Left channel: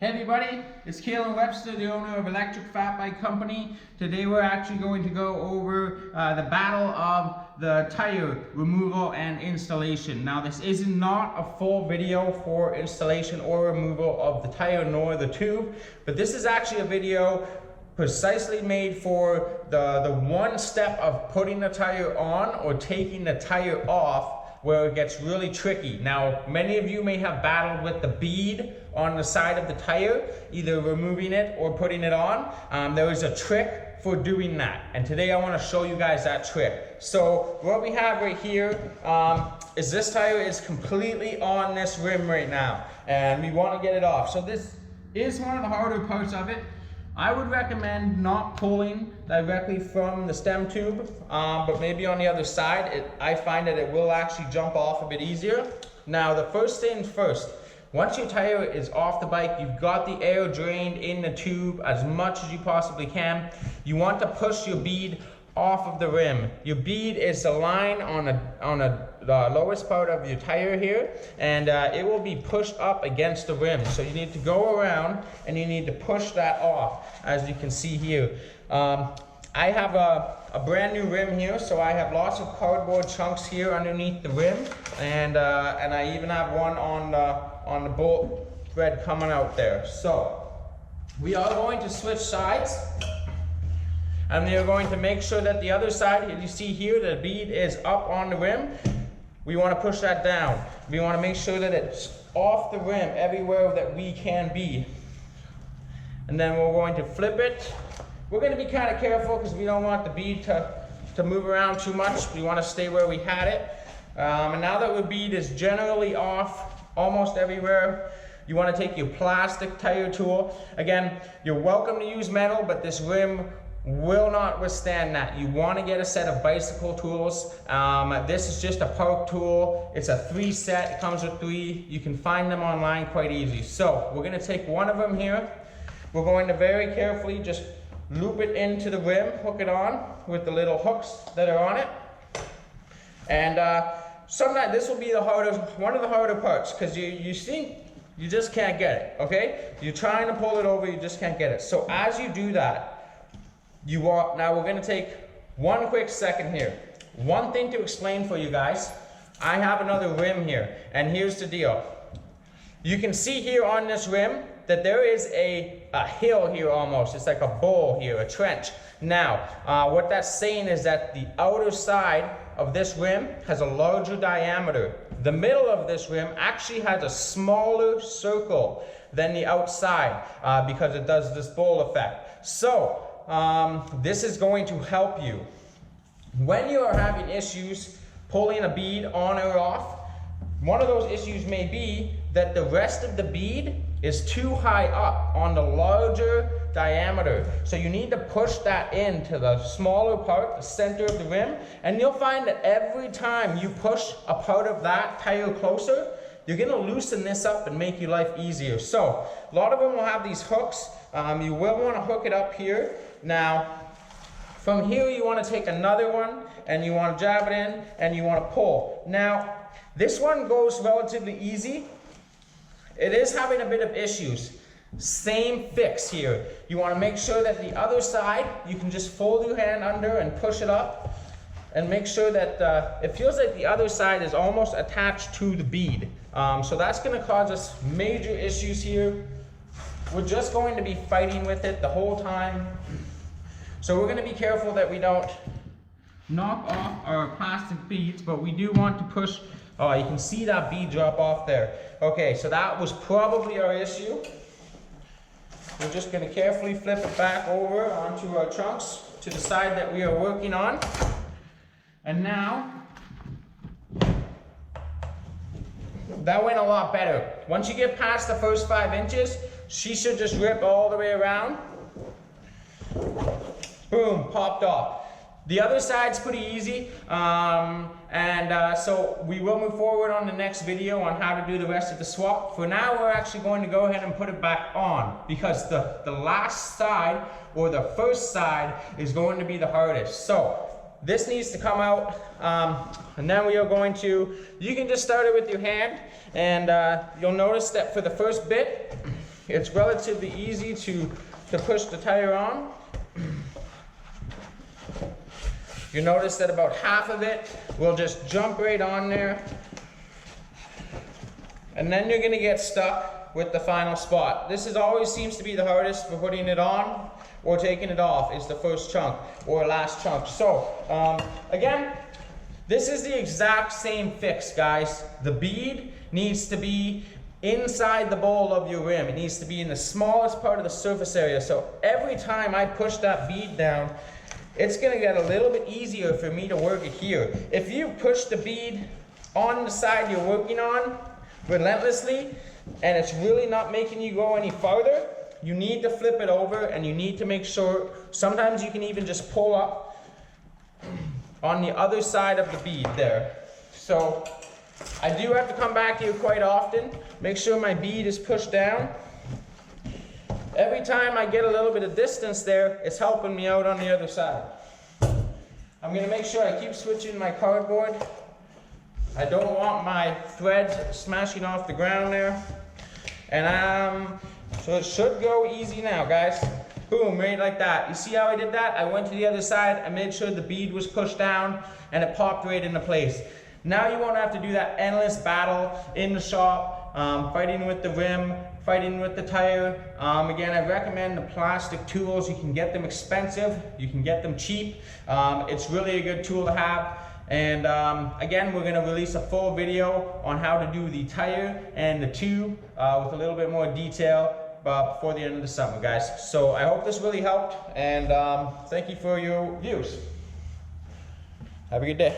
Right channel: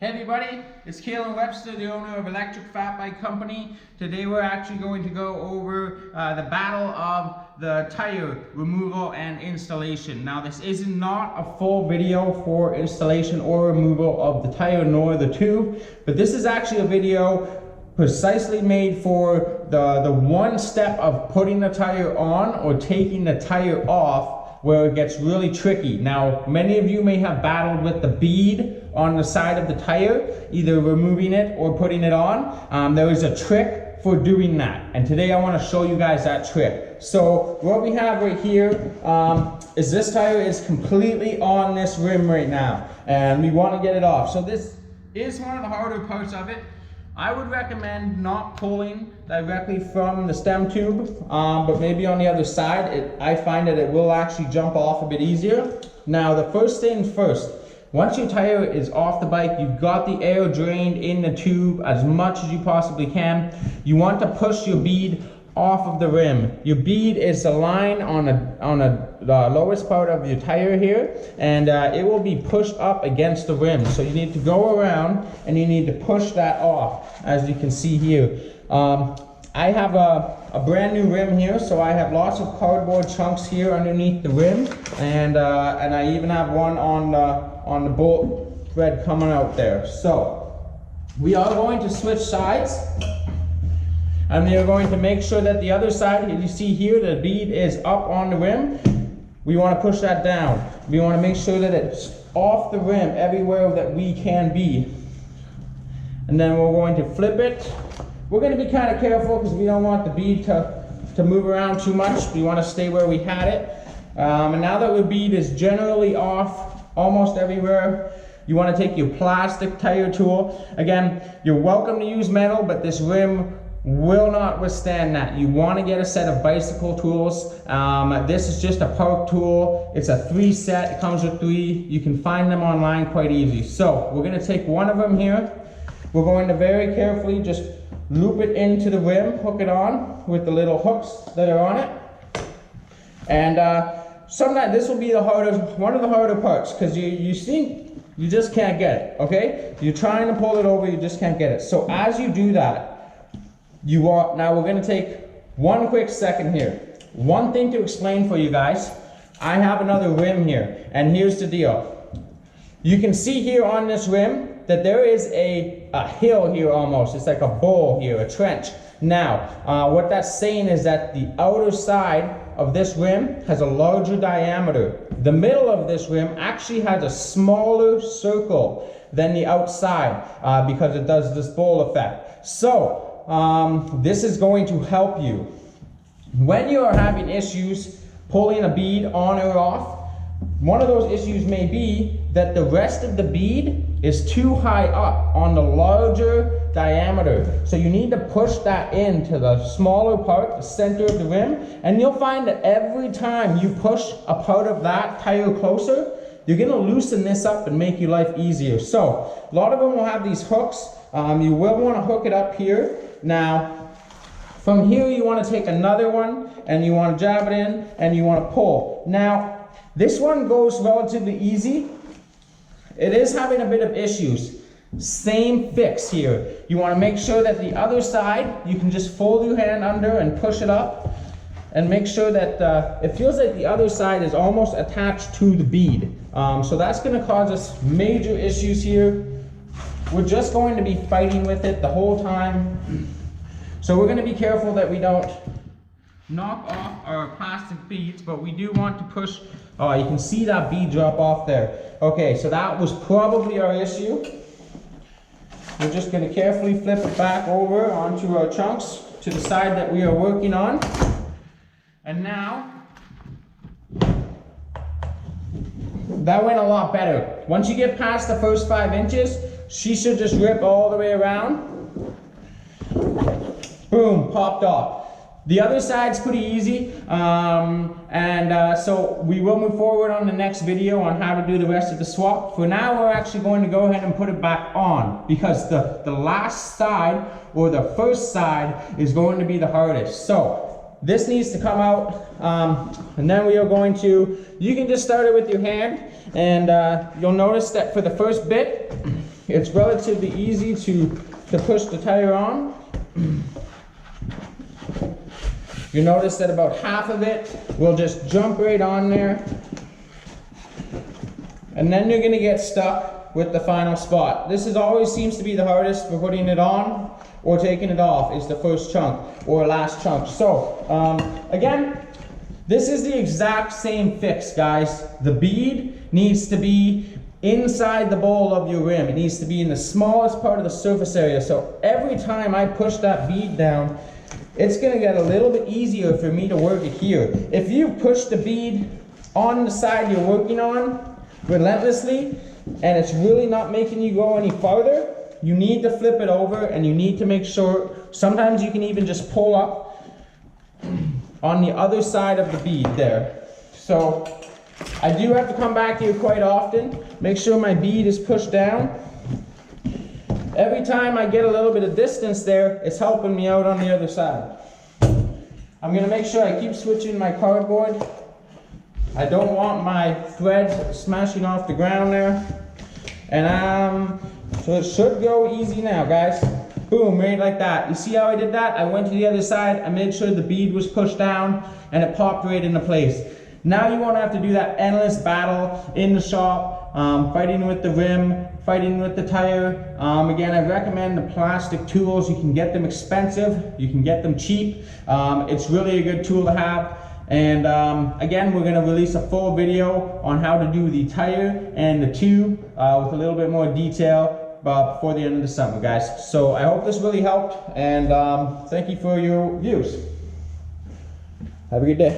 Hey everybody, it's Kalen Webster, the owner of Electric Fat Bike Company. Today we're actually going to go over the battle of the tire removal and installation. Now this is not a full video for installation or removal of the tire nor the tube, but this is actually a video precisely made for the one step of putting the tire on or taking the tire off, where it gets really tricky. Now, many of you may have battled with the bead on the side of the tire, either removing it or putting it on. There is a trick for doing that, and today I want to show you guys that trick. So what we have right here is this tire is completely on this rim right now, and we want to get it off. So this is one of the harder parts of it. I would recommend not pulling directly from the stem tube, but maybe on the other side. I find that it will actually jump off a bit easier. Now, the first things first, once your tire is off the bike, you've got the air drained in the tube as much as you possibly can. You want to push your bead off of the rim. Your bead is the line on the lowest part of your tire here, and it will be pushed up against the rim. So you need to go around and you need to push that off, as you can see here. I have a brand new rim here, so I have lots of cardboard chunks here underneath the rim, and I even have one on the bolt thread coming out there. So we are going to switch sides. And we are going to make sure that the other side, you see here, the bead is up on the rim. We want to push that down. We want to make sure that it's off the rim everywhere that we can be. And then we're going to flip it. We're going to be kind of careful because we don't want the bead to move around too much. We want to stay where we had it. And now that the bead is generally off almost everywhere, you want to take your plastic tire tool. Again, you're welcome to use metal, but this rim will not withstand that. You want to get a set of bicycle tools. This is just a park tool. It's a 3 set. It comes with 3. You can find them online quite easy. So we're going to take one of them here. We're going to very carefully just loop it into the rim, hook it on with the little hooks that are on it. And sometimes this will be one of the harder parts, because you see, you just can't get it, okay? You're trying to pull it over, you just can't get it. So as you do that, now we're going to take one quick second here. One thing to explain for you guys. I have another rim here, and here's the deal. You can see here on this rim that there is a hill here almost. It's like a bowl here, a trench. Now, what that's saying is that the outer side of this rim has a larger diameter. The middle of this rim actually has a smaller circle than the outside because it does this bowl effect. So, this is going to help you when you are having issues pulling a bead on or off. One of those issues may be that the rest of the bead is too high up on the larger diameter, so you need to push that into the smaller part, the center of the rim, and you'll find that every time you push a part of that tire closer, you're going to loosen this up and make your life easier. So a lot of them will have these hooks. You will want to hook it up here. Now, from here you want to take another one and you want to jab it in and you want to pull. Now, this one goes relatively easy. It is having a bit of issues. Same fix here. You want to make sure that the other side, you can just fold your hand under and push it up and make sure that it feels like the other side is almost attached to the bead. So that's going to cause us major issues here. We're just going to be fighting with it the whole time. So we're going to be careful that we don't knock off our plastic beads, but we do want to push. Oh, you can see that bead drop off there. Okay, so that was probably our issue. We're just going to carefully flip it back over onto our chunks to the side that we are working on. And now, that went a lot better. Once you get past the first 5 inches, she should just rip all the way around. Boom, popped off. The other side's pretty easy, so we will move forward on the next video on how to do the rest of the swap. For now, we're actually going to go ahead and put it back on, because the last side, or the first side, is going to be the hardest. So this needs to come out, and then we are going to, you can just start it with your hand, and you'll notice that for the first bit, It's relatively easy to push the tire on. You notice that about half of it will just jump right on there. And then you're gonna get stuck with the final spot. This always seems to be the hardest for putting it on or taking it off, is the first chunk or last chunk. So, again, this is the exact same fix, guys. The bead needs to be inside the bowl of your rim. It needs to be in the smallest part of the surface area. So every time I push that bead down, it's gonna get a little bit easier for me to work it here. If you push the bead on the side you're working on relentlessly, and it's really not making you go any farther, you need to flip it over, and you need to make sure, sometimes you can even just pull up on the other side of the bead there. So I do have to come back here quite often, make sure my bead is pushed down. Every time I get a little bit of distance there, it's helping me out on the other side. I'm gonna make sure I keep switching my cardboard. I don't want my thread smashing off the ground there. And so it should go easy now, guys. Boom, right like that. You see how I did that? I went to the other side, I made sure the bead was pushed down, and it popped right into place. Now you won't have to do that endless battle in the shop, fighting with the rim, fighting with the tire. Again, I recommend the plastic tools. You can get them expensive, you can get them cheap. It's really a good tool to have. And again, we're gonna release a full video on how to do the tire and the tube with a little bit more detail before the end of the summer, guys. So I hope this really helped, and thank you for your views. Have a good day.